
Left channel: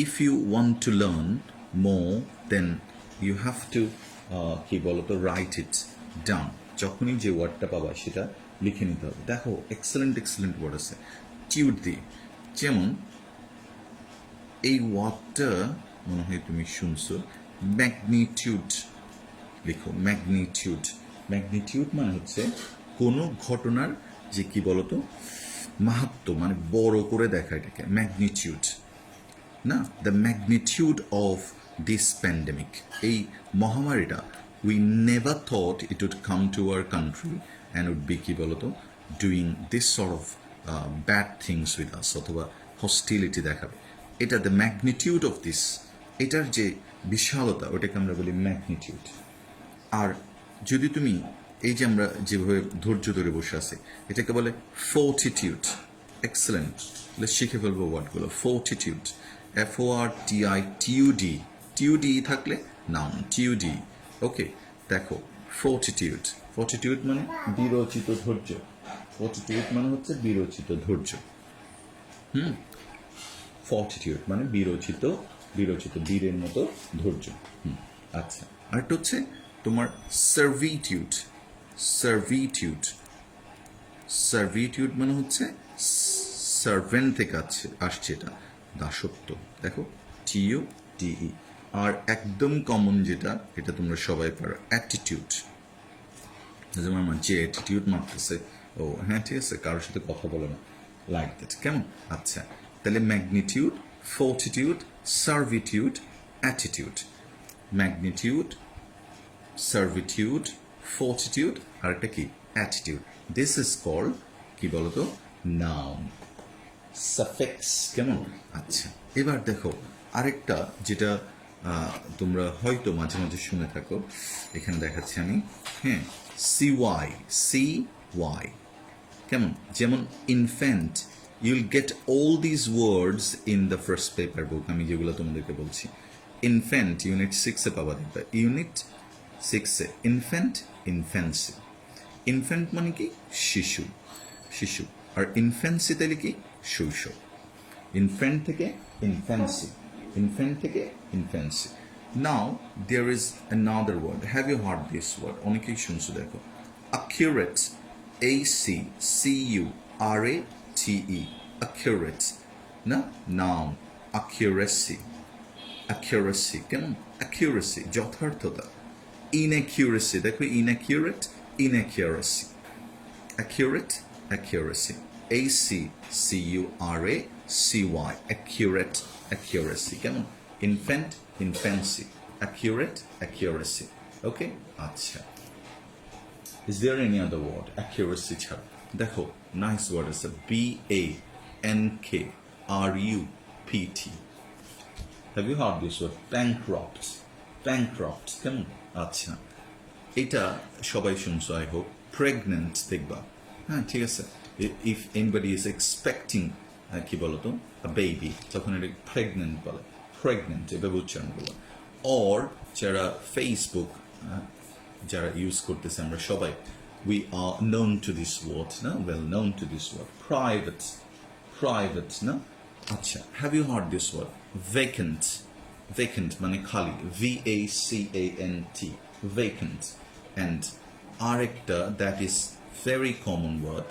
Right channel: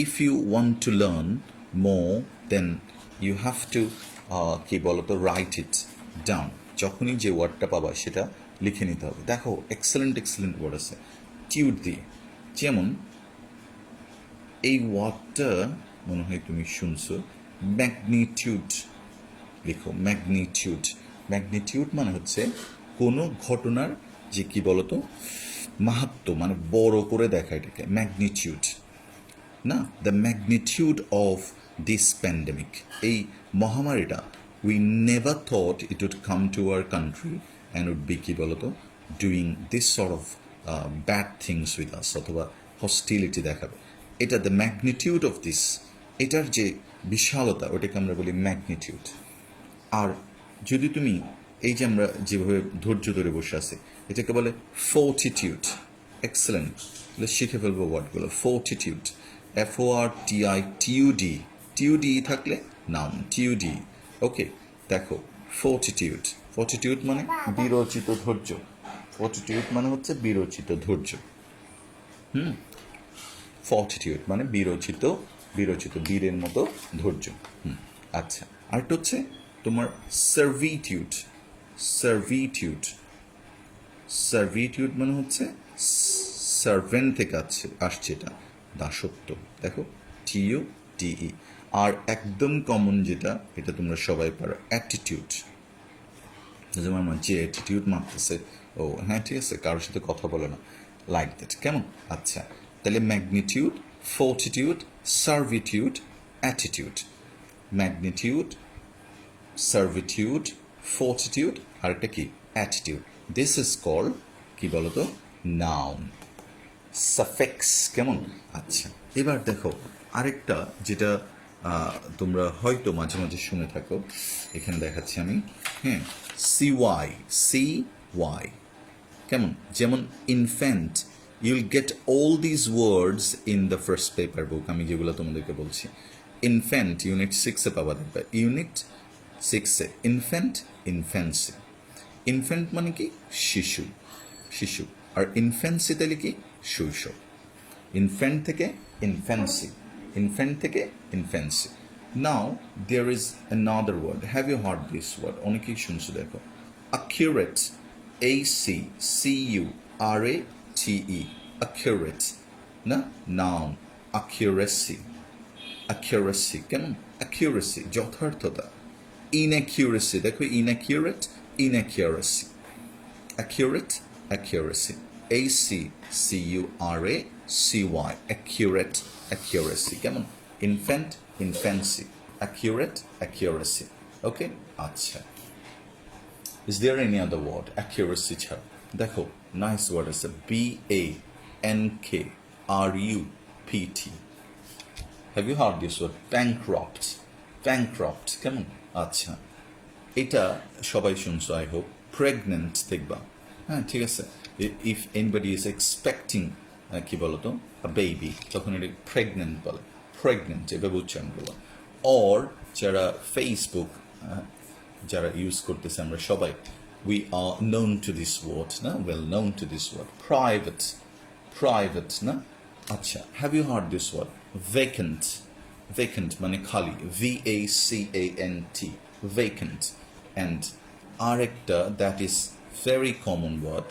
if you want to learn more then you have to কি বলতো রাইট ইট ডাউন। যখনই যে ওয়ার্ডটা পাবা সেটা লিখে নিতে হবে। দেখো এক্সেলেন্ট এক্সেলেন্ট ওয়ার্ড আছে টিউড দিয়ে। যেমন এই ওয়ার্ডটা মনে হয় তুমি শুনছো, ম্যাগনিটিউড। লিখো ম্যাগনিটিউড। ম্যাগনিটিউড মানে হচ্ছে কোনো ঘটনার যে কি বলতো মাহাত্ম্য, মানে বড় করে দেখা, এটাকে ম্যাগনিটিউড না? The magnitude of this pandemic, এই মহামারীটা we never thought it would come to our country and would be কি বলতো doing this sort of bad things with us, অথবা হস্টিলিটি দেখাবে। এটা দ্য ম্যাগনিটিউড অফ দিস, এটার যে বিশালতা ওটাকে আমরা বলি ম্যাগনিটিউড। আর যদি তুমি এই যে আমরা যেভাবে ধৈর্য ধরে বসে আছি এটাকে বলে ফোর্টিটিউড। এক্সেলেন্ট, তাহলে শিখে ফেলবো ওয়ার্ডগুলো। ফোর্টিটিউড, FORTITUD, টিউডি থাকলে নাউন টিউডি। ওকে, দেখো ফোর্টিটিউড, ফোর্টিটিউড মানে বিরচিত ধৈর্য। ফোর্টিটিউড মানে হচ্ছে বিরচিত ধৈর্য। ফর্টিটিউড মানে বিরচিত, বিরচিত বীরের মতো ধৈর্য। আচ্ছা, আরেকটা হচ্ছে তোমার সার্ভিটিউড। সার্ভিটিউড, সার্ভিটিউড মানে হচ্ছে সার্ভেন্ট থেকে আসছে এটা, দাসত্ব। দেখো TUDE। আর একদম কমন যেটা, এটা তোমরা সবাই পারো, অ্যাটিটিউড। যেমন আমার যে অ্যাটিটিউড মারতেছে, ও হ্যাঁ ঠিক আছে, কারোর সাথে কথা বলে না, লাইক দ্যাট, কেমন? আচ্ছা, তাহলে ম্যাগনিটিউড, ফোর্টিটিউড, সার্ভিটিউড, অ্যাটিটিউড। ম্যাগনিটিউড, সার্ভিটিউড, ফোর্টিটিউড, আর একটা কি অ্যাটিটিউড। দিস ইজ কল্ড কি বলতো নাউন সাফিক্স, কেমন? আচ্ছা, এবার দেখো আরেকটা যেটা তোমরা হয়তো মাঝে মাঝে শুনে থাকো, এখানে দেখাচ্ছি আমি, হ্যাঁ, CY, কেমন? যেমন infant, Yule gate all these words in the first paper বুক, আমি যেগুলো তোমাদেরকে বলছি। ইনফ্যান্ট ইউনিট 6-এ পাবা দেখবে, ইউনিট 6-এ ইনফ্যান্ট, ইনফ্যান্সি। ইনফ্যান্ট মানে কি শিশু, শিশু, আর ইনফ্যান্সি তাহলে কি শৈশব। ইনফ্যান্ট থেকে ইনফ্যান্সি, ইনফ্যান্ট থেকে infancy. Now there is another word, have you heard this word? অনেকেই শুনছো, দেখো অ্যাকিউরেট, ACCURATE, অ্যাকিউরেট না? নাউন অ্যাকিউরেসি, অ্যাকিউরেসি, কেমন? অ্যাকিউরেসি যথার্থতা। ইনঅ্যাকিউরেসি, দেখো inaccurate, ইনঅ্যাকিউরেসি। Accurate, accuracy. ACCURACY, accurate, accuracy. কেমন? Infant, infancy. Accurate, accuracy. Okay? আচ্ছা, is there any other word accuracy ছাড়া? দেখো নাইস ওয়ার্ড আছে, BANKRUPT. Have you heard this word? Bankrupt. Bankrupt কেমন আচ্ছা এটা সবাই শুনছো আই হোপ প্রেগনেন্ট দেখবা হ্যাঁ ঠিক আছে ইফ এনিবডি ইজ এক্সপেক্টিং কি বলতো বেবি তখন এটা প্রেগনেন্ট বলে প্রেগনেন্ট এভাবে উচ্চারণ করবো অর যারা ফেসবুক যারা ইউজ করতেছে আমরা সবাই we are known to this word না well known to this word private না আচ্ছা have you heard this word vacant vacant মানে খালি VACANT vacant and আরেকটা that is very common word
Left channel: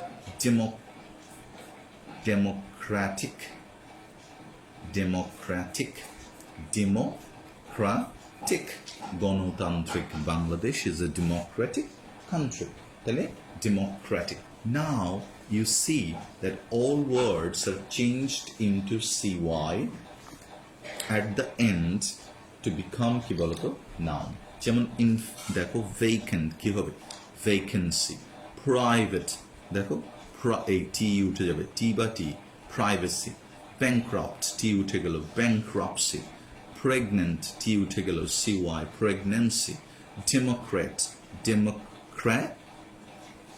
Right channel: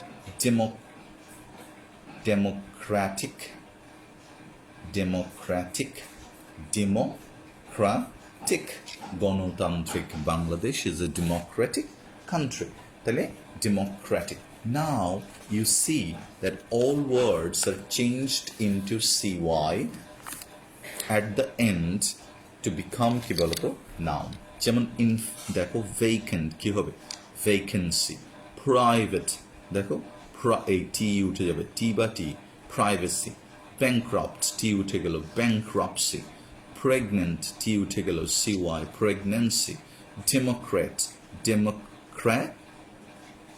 democratic গণতান্ত্রিক Bangladesh is a democratic country তাহলে democratic now you see that all words are changed into CY at the end to become কি বলতো noun যেমন in দেখো vacant কি হবে vacancy private দেখো এই টি উঠে যাবে টি বা টি privacy bankrupt টি উঠে গেল bankruptcy pregnant টি উঠে গেল CY pregnancy democrat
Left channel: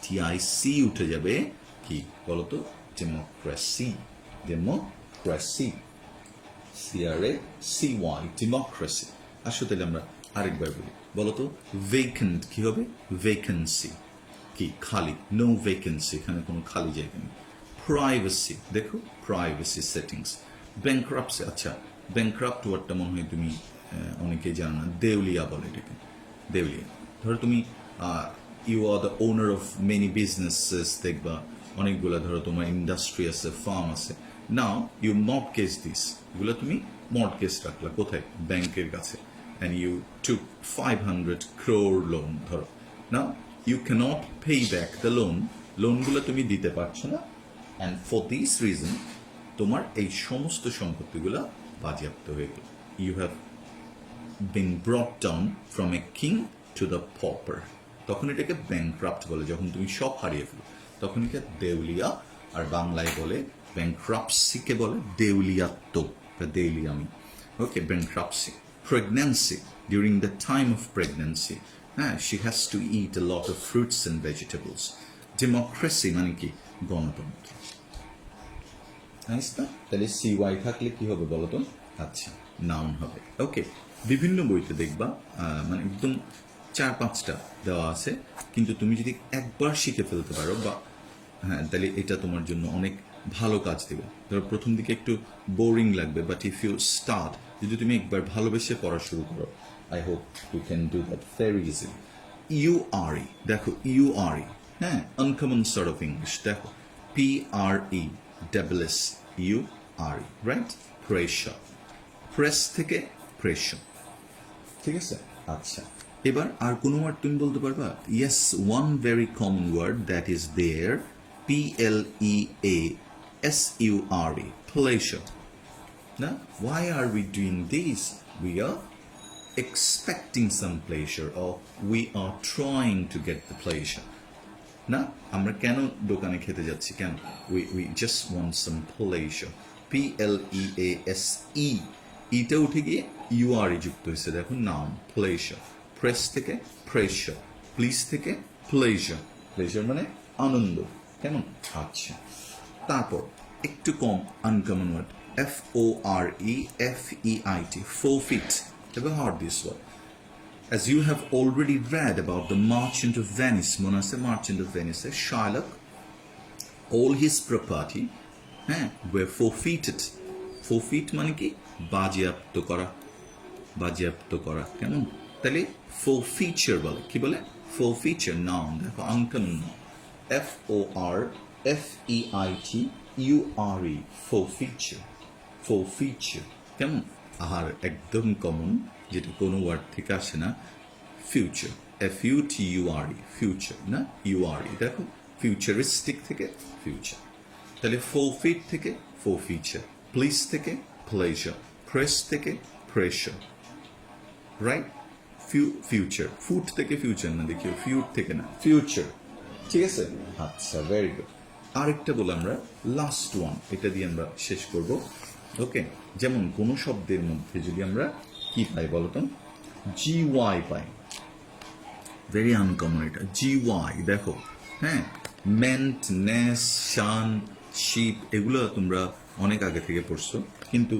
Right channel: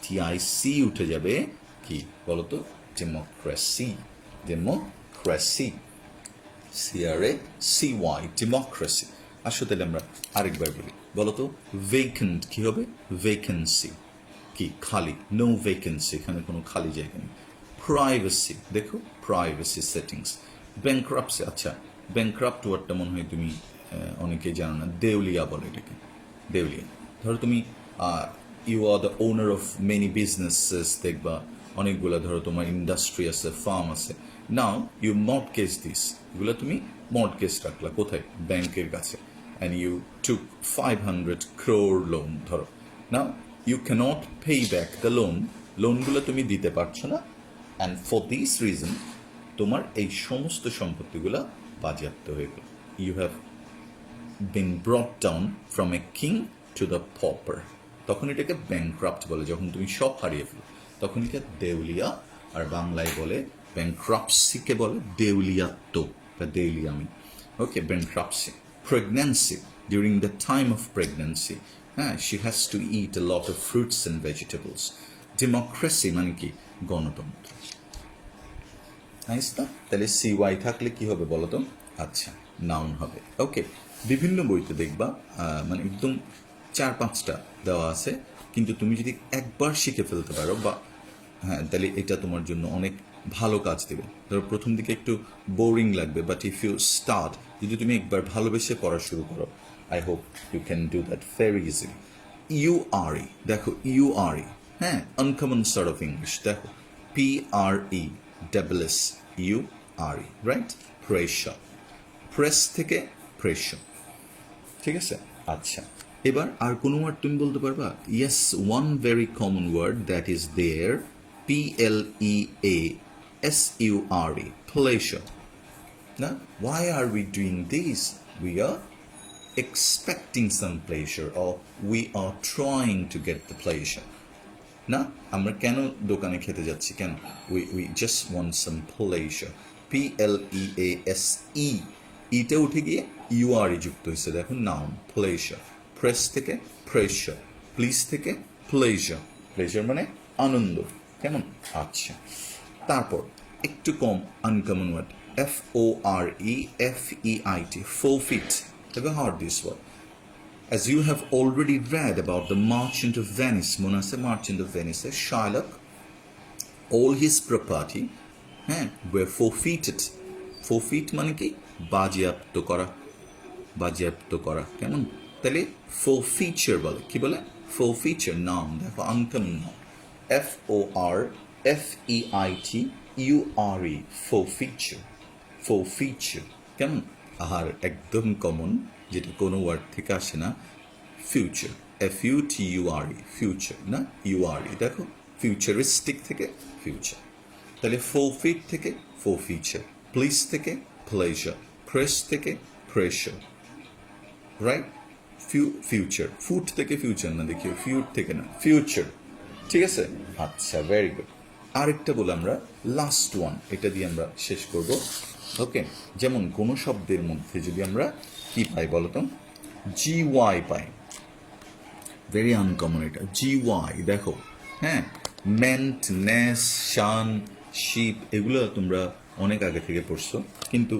TIC উঠে যাবে কি বলতো democracy CRACY democracy আসো তাহলে আমরা আরেকবার বলি বলতো vacant কি হবে vacancy কি খালি no vacancy এখানে কোনো খালি জায়গা নেই privacy দেখো privacy settings bankruptcy আচ্ছা bankrupt ওয়ার্ডটা মনে হয় তুমি অনেকেই জানো না দেউলিয়া বলে এটাকে দেউলিয়া ধরো তুমি you are the owner of many businesses দেখবা অনেকগুলো ধরো তোমার ইন্ডাস্ট্রি আছে ফার্ম আছে নাও ইউ মর্টগেজ দিস এগুলো তুমি মর্টগেজ রাখলা কোথায় ব্যাংকের কাছে and you took 500 crore loan ধরো now you can't pay back the লোনগুলো তুমি দিতে পারছো না অ্যান্ড ফর দিস রিজন তোমার এই সমস্ত সম্পত্তিগুলো বাজেয়াপ্ত হয়ে গেল you have been brought down from a king to the pauper তখন এটাকে ব্যাংক্রাফট বলে যখন তুমি সব হারিয়ে ফেলো তখন এটা দেউলিয়া আর বাংলায় বলে ব্যাংক্রাফটসিকে বলে দেউলিয়াত্ব বা দেউলিয়ামি okay bankruptcy pregnancy during the time of pregnancy হ্যাঁ she has to eat a lot of fruits and vegetables democracy মানে কি গণতন্ত্র তাহলে CY থাকলে কি হবে বলো তো আচ্ছা নাউন হবে ওকে বিভিন্ন বইতে দেখবা মানে একদম 4-5টা দেওয়া আছে কিন্তু তুমি যদি একবার শিখে ফেলতে পারো বা হ্যাঁ তাহলে এটা তোমার জন্য অনেক ভালো কাজ দেবে ধরো প্রথম দিকে একটু বোরিং লাগবে বাট ইফ ইউ স্টার্ট যদি তুমি একবার ভালোবেসে পড়া শুরু করো I hope you can do that very easily URE দেখো URE হ্যাঁ আনকমন সর্ট অফ ইংলিশ দেখো PRESSURE রাইট প্রেশার প্রেস থেকে প্রেশার ঠিক আছে আচ্ছা এবার আর কোনো ওয়ার্ড তুমি বলতে পারবা yes one very common word that is there PLEASURE pleasure now why are we doing this we are expecting some pleasure or we are trying to get the pleasure না আমরা কেন দোকানে খেতে যাচ্ছি কেন we just want some pleasure PLEASE এটা উঠে গিয়ে URE যুক্ত হয়েছে দেখো নাউন প্লেজার প্রেস থেকে প্রেশার প্লিজ থেকে প্লেজার প্লেজার মানে আনন্দ কেমন আচ্ছা তারপর একটু কম uncommon word FOREFEIT forfeit have you heard this word as you have already read about the merchant of Venice মনে আছে merchant of Venice Shylock all his property were forfeited forfeit মানে কি বাজেয়াপ্ত করা কেমন তাহলে forfeiture বলে কি বলে forfeiture নাউন দেখো আনকমন নাউন FORFEITURE forfeiture কেমন আর একদম কমন যেটা কোনো ওয়ার্ড থেকে আসে না ফিউচার FUTURE ফিউচার না URE দেখো ফিউচারিস্টিক থেকে ফিউচার তাহলে forfeit থেকে forfeiture প্লিজ থেকে pleasure প্রেস থেকে pressure রাইট ফিউচার ফুড থেকে ফিউচার না দেখিও ফিউড থেকে না ফিউচার ঠিক আছে আচ্ছা ভেরি গুড আরেকটা বলে আমরা লাস্ট ওয়ান এটা দিয়ে আমরা শেষ করব ওকে যেমন কোনো শব্দের মধ্যে যদি আমরা কি পাই বলতো GY পাই, ভেরি আনকমন এটা, GY দেখো, হ্যাঁ, মেন্ট, নেস, শান, শিপ, এগুলো তোমরা অনেক আগে থেকে পড়ছো, কিন্তু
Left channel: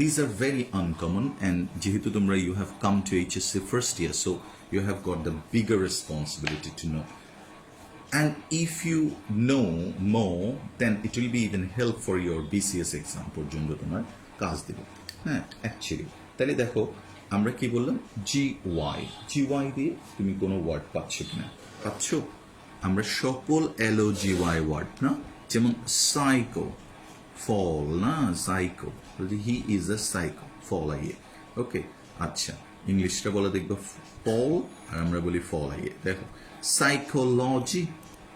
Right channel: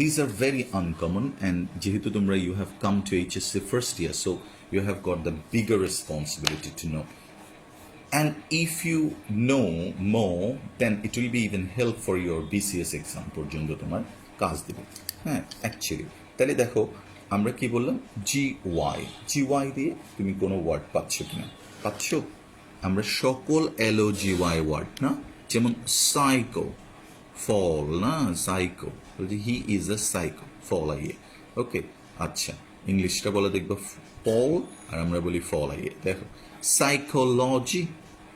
these are very uncommon, and যেহেতু তোমরা you have come to HSC first year, so you have got the bigger responsibility to know. And if you know more, then it will be even help for your BCS exam পর্যন্ত তোমার কাজ দেবে, হ্যাঁ, actually. তাহলে দেখো আমরা কি বললাম, GY দিয়ে তুমি কোনো ওয়ার্ড পাচ্ছ কিনা, পাচ্ছ? আমরা সকল LOGY ওয়ার্ড না, যেমন সাইকো, ফল না, psycho, he is a psycho, ফল আইয়ে, ওকে. আচ্ছা, ইংলিশটা বলে দেখবো ফল, আর আমরা বলি ফল আইয়ে. দেখো সাইকোলজি,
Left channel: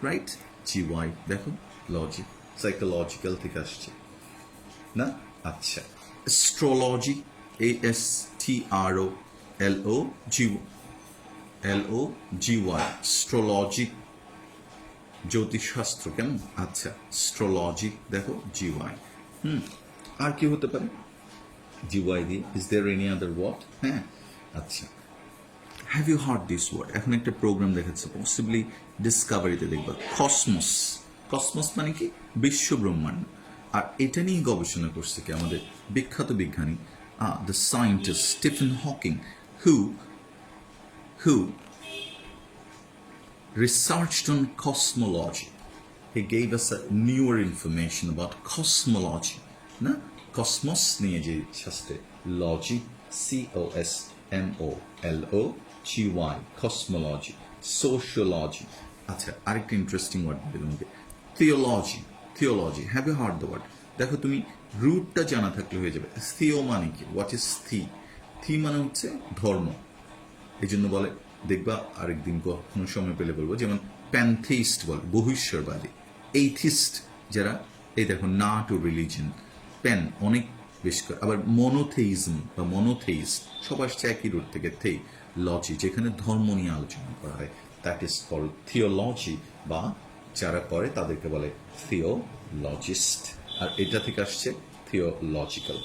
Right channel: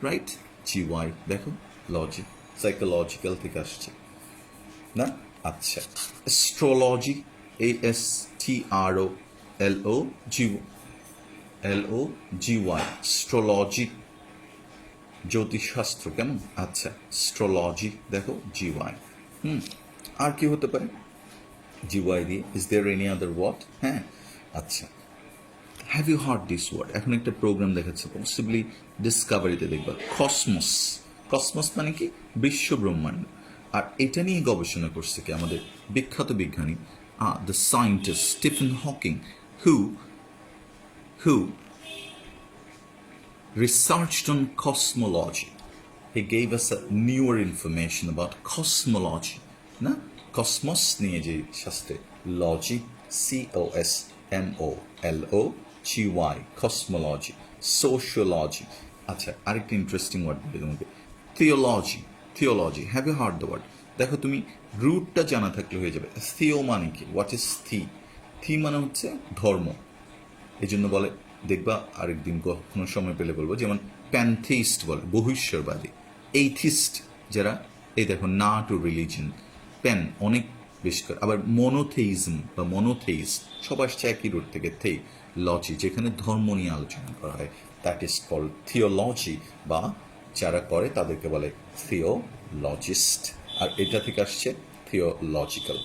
রাইট, GY, দেখো লজি, সাইকোলজিক্যাল থেকে আসছে না. আচ্ছা, অ্যাস্ট্রোলজি, ASTROLOGY, অ্যাস্ট্রোলজি, জ্যোতিষশাস্ত্র, কেমন? আচ্ছা, অ্যাস্ট্রোলজি দেখো GY. আর কি হতে পারে GY দিয়ে? Is there any other word? হ্যাঁ, আচ্ছা, have you heard this word? এখন একটা প্রোগ্রাম দেখাচ্ছে, পসিবলি ডিসকভারিতে দেখবা, কসমস. কসমস মানে কি? বিশ্ব ব্রহ্মাণ্ড. আর এটা নিয়ে গবেষণা করছে কি আমাদের বিখ্যাত বিজ্ঞানী, the scientist Stephen Hawking, who researched on cosmology. He gave us a newer information about cosmology. না, কসমস নিয়ে যে শাস্ত্র, লজি, COSMOLOGY, কসমোলজি, সোশিওলজি. আচ্ছা, আরেকটা ইন্টারেস্টিং ওয়ার্ড বলে তোমাকে, theology. Have you heard the word? দেখো তুমি রুটটা জানা থাকলে হয়ে যাবে. থিও মানে কি? হোয়াট ইজ থি মানে হচ্ছে ধর্ম, এই জন্য বলে, দেখবা আরেকদিন কখনো সময় পেলে বলবো, যেমন প্যানথেইস্ট বলে বহিশ্বরবাদী, এইথিস্ট যারা, এই দেখো না টু রিলিজন, প্যান অনেক বেশ করে, আবার মনোথেইজম বা মনোথেইস, সব আসছে একই রুট থেকে, লজি, যেখানে ধর্ম নিয়ে আলোচনা করা হয়, দ্যাট ইজ কল্ড থিওলজি, বা যারা করে তাদেরকে বলে থিওলজিস্ট, আর এটা থেকে আসছে theological.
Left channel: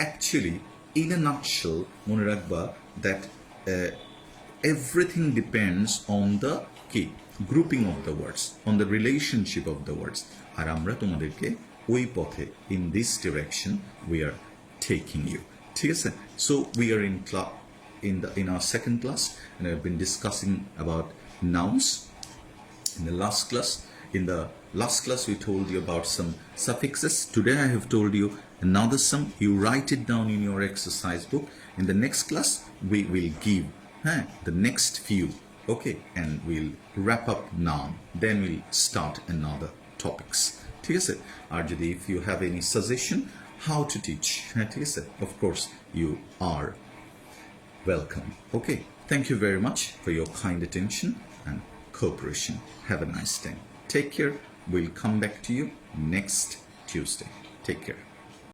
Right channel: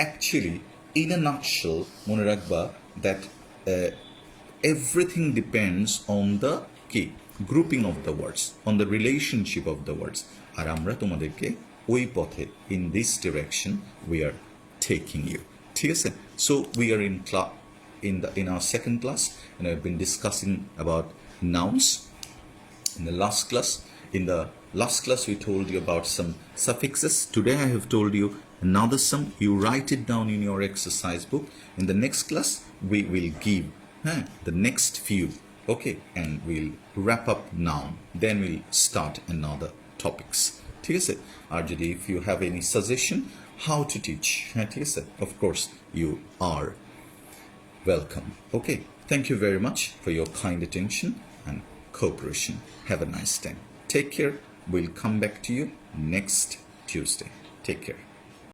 Actually in a nutshell মনে রাখবা that everything depends on the key grouping of the words, on the relationship of the words. আর আমরা তোমাদেরকে ওই পথে, in this direction we are taking you. ঠিক আছে? So we are in our second class, and I've been discussing about nouns. In the last class we told you about some suffixes. Today I have told you another sum. You write it down in your exercise book. In the next class we will give the next few, okay, and we'll wrap up noun, then we'll start another topics. ঠিক আছে? আর যদি if you have any suggestion how to teach, ঠিক আছে, of course you are welcome. Okay, thank you very much for your kind attention and cooperation. Have a nice time. Take care. We'll come back to you next Tuesday. Take care.